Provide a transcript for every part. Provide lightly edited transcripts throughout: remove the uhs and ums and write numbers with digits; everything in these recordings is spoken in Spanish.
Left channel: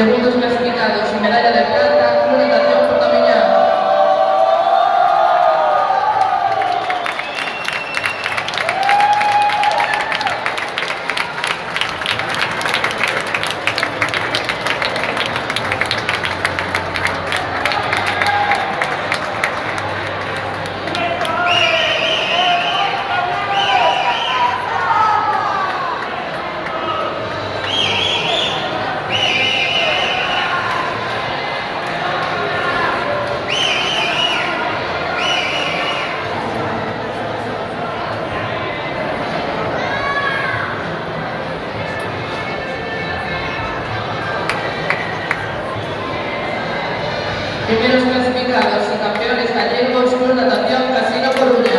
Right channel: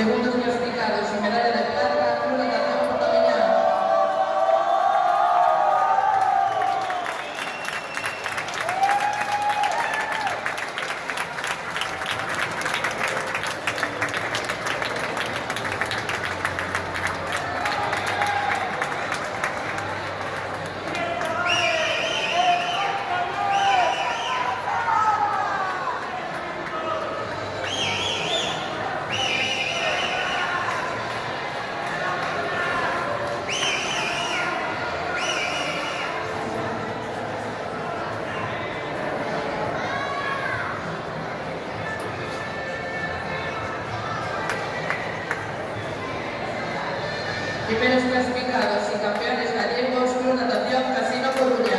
Segundos clasificados y medalla de plata, Club Natación Portamiñán. Primeros clasificados y campeones gallegos, Club Natación Casino Coruña.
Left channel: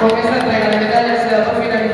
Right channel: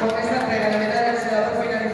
Con esta entrega de medallas se da por finalizada.